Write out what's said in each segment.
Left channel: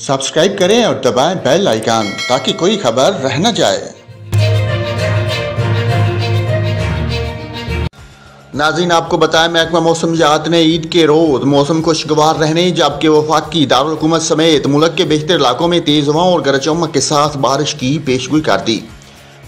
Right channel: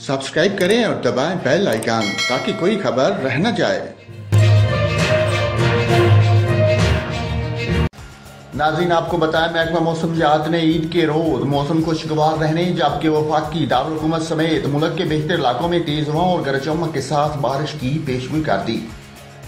Subscribe करें और दबाएं बेल आइकन ताकि कोई खबर रह न जाए। नाज़रीन, आपको बताएं, महकमा मौसमियात ने ईद के रोज़ मौसम खुशगवार रहने जबकि वफाकी दारुल हुकूमत समेत मुल्क के बेहतर इलाकों में तेज़ हवाओं और गरज चमक के साथ बारिश की पेशगोई कर दी।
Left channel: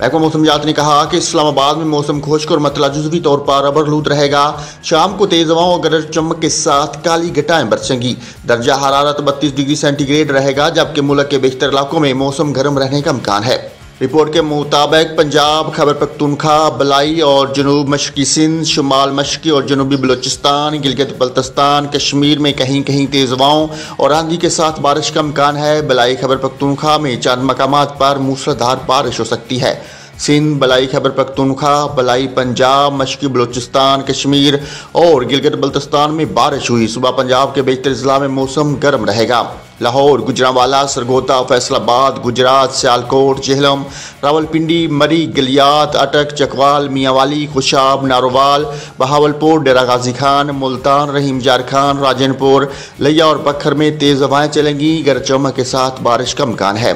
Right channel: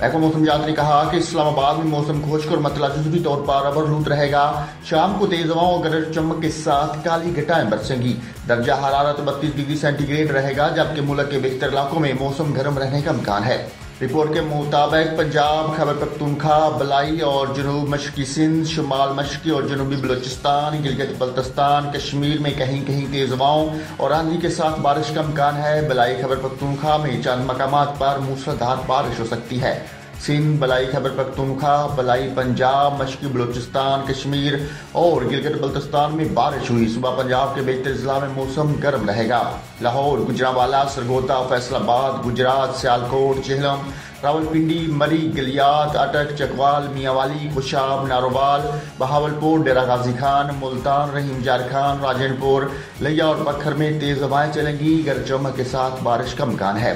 महकमा मौसमियात ने कहा कि इस्लामाबाद में मौसम खुश्क और मतला जुज़वी तौर पर अबरलूद रहेगा। शाम को तेज़ हवाओं और गरज चमक के साथ काली घटाएं बरसेंगी। दर्जा हरारत 32 डिग्री सेंटीग्रेड रहेगा जबकि मुल्क के बेहतर इलाकों में मौसम गर्म रहने का इम्कान है। रिपोर्ट के मुताबिक पंजाब, खैबर पख्तूनख्वा, बलाई और जनूब मशरकी सिंध, शुमाल मशरकी और जनूबी बलूचिस्तान, गिलगित बल्तिस्तान, कश्मीर में कहीं कहीं तेज़ हवाओं और आंधी के साथ बारिश का इम्कान है। बलाई खैबर पख्तूनख्वा में चंद मकामात पर मूसलाधार बारिश हो सकती है। सिंध, बलाई खैबर पख्तूनख्वा, बलाई पंजाब, मशरकी बलूचिस्तान, कश्मीर और गिलगित बल्तिस्तान में बारिश हुई। सुबह पंजाब के बेहतर जिला में मौसम गर्म रहेगा। लाहौर, गुजरांवाला, सरगोदा, फैसलाबाद, गुजरात, सियालकोट, झेलम, रावलपिंडी, मरी, गलियात, अटक, चकवाल, मियांवाली, खुशाब, नारोवाल, बहावलपुर, डेरा गाजी खान, मुल्तान, रहीम जार खान, राजनपुर, लिया और पत्थर में तेज़ हवाएं चलेंगी। गरज चमक के साथ बारिश का इम्कान है।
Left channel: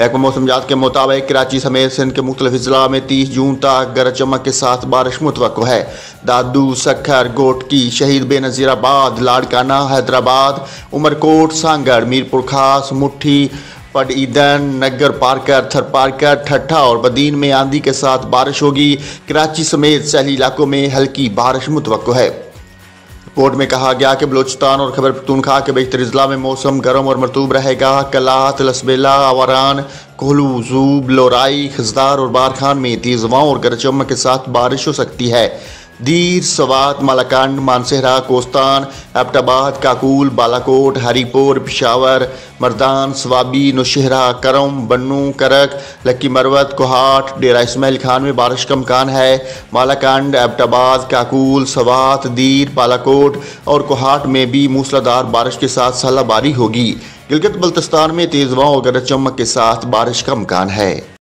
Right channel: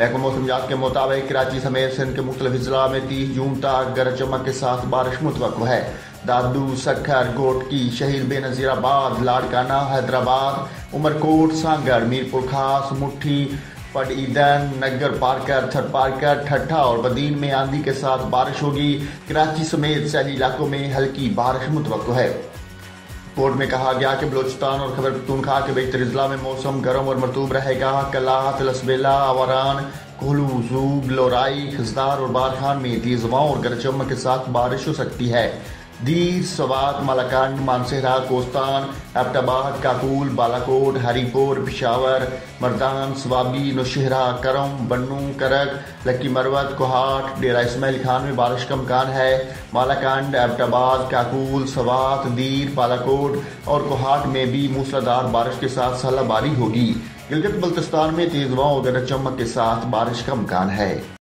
महकमा मौसमियात के मुताबिक कराची समेत सिंध के मुख्तलिफ जिला में 30 जून तक गरज चमक के साथ बारिश मुतवक्को है। दादू, सखर, गोटकी, शहीद बेनज़ीराबाद, लाड़काना, हैदराबाद, उमरकोट, सांगड़, मीरपुर खास, मुट्ठी, पडईदन, नगर पार्कर, थर पार्कर, ठट्ठा और बदीन में आंधी के साथ बारिश होगी। कराची समेत शहरी इलाकों में हल्की बारिश मुतवक्को है। रिपोर्ट में कहा गया कि बलूचिस्तान और खैबर पख्तूनख्वा के बेहतर अजला में मौसम गर्म और मरतूब रहेगा। कलात, लसबेला, आवारान, कोहलू, जूब, लोराई, खजदार और बारखान में तेज़ हवाओं और गरज चमक के साथ बारिश हो सकती है। दीर, सवात, मालाकंड, मानसेहरा, कोस्तान, एबटाबाद, काकूल, बालाकोट, हरीपुर, पिशावर, मर्दान, स्वाबी, नौशहरा, करम, बन्नू, करक, लक्की मरवत, कोहाट, डेरा इस्माइल खान में बारिश का इम्कान है। मालाकंड, एबटाबाद, काकूल, सवात, दीर, बालाकोट और कोहाट में भी मूसलाधार बारिश के साथ सालाबारी होगी। गिलगित बल्तिस्तान में तेज़ हवाओं और गरज चमक के साथ बारिश का इम्कान है।